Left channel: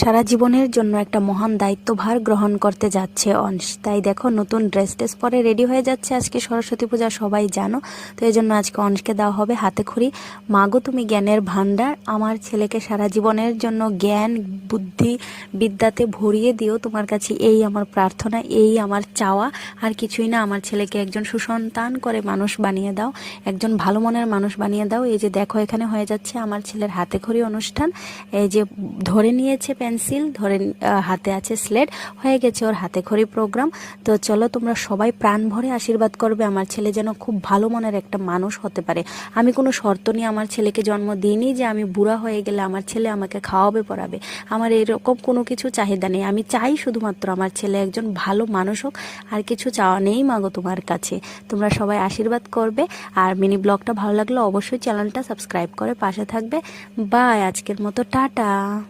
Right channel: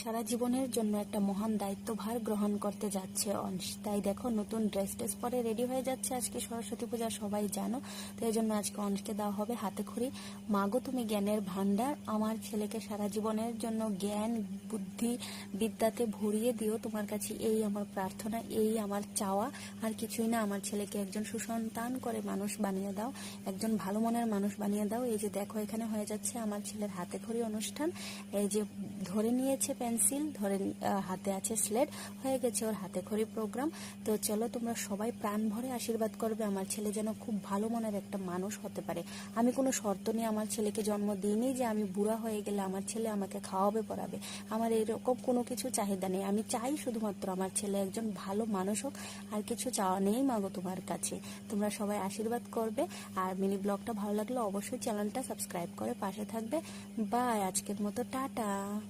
সারা জীবনের জন্য একটা মহান দায়িত্বভার গ্রহণ করতে যাচ্ছে অংশ। তাই দেখো নতুন ড্রেস পরে রেডি হয়ে যাচ্ছে। আজকে সরস্বতী পূজা, সবাই জানো। তো এই জন্য আজকে অংশকে দেওয়া হবে হাতে খড়ি। মাগো তুমি জ্ঞানের ভাণ্ডার, আমার ছেলেকে সারা জীবনের জন্য জ্ঞান বুদ্ধি বিদ্যাতে ভরিয়ে দিও। তোমার কাছে এই আমার প্রার্থনা, এই আমার চাওয়া, আর কিছুই না। আমার ছেলেকে একজন সুসন্তান করে মানুষ বানিয়ে দাও, একজন ভালো মনের মানুষ বানিয়ে দাও। এই যে দেখো এখানে হয়ে যাচ্ছে আমার ছেলের হাতে খড়ি অনুষ্ঠান। এই যে ধরে নিয়েছে পেন্সিল, ধরে হাতে আছে স্লেট, হয়ে গেছে ওর হাতে খড়ি প্রোগ্রাম। তো চলো তোমরা সবাই প্রাণ ভরে আশীর্বাদ করবে আমার ছেলে যেন খুব ভালো মনের একটা মানুষ হতে পারে। আমি কোনো শর্ত নিয়ে আমার ছেলেকে জন্ম দিইনি যে আমি বুড়া হয়ে গেলে আমার ছেলে আমাকে খাওয়াবে পড়াবে। আমার এরকম কোনো কিছু চাহিদা নেই। আমি চাই শুধুমাত্র আমার ছেলে একজন ভালো মানুষ হোক, আর কিছু চাওয়া নেই মাগো তোমার কাছে। তোমরা সবাই আশীর্বাদ করবে। আর মিনি ব্লগটা ভালো লাগলে অবশ্যই চ্যানেলটা সাবস্ক্রাইব করে পাশে থাকবে। বাই, আজকের মতো টাটা।